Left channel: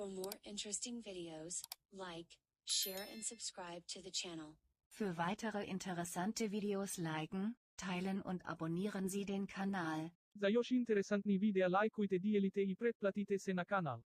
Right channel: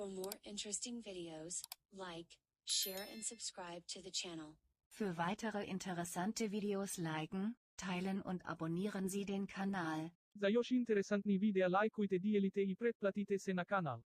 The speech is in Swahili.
For more interesting videos, like, share and subscribe to the channel. Für weitere interessante Videos liken, teilen und abonnieren Sie den Kanal. Za još interesantni videa lajkujte dijelite i pretplatite se na kanal.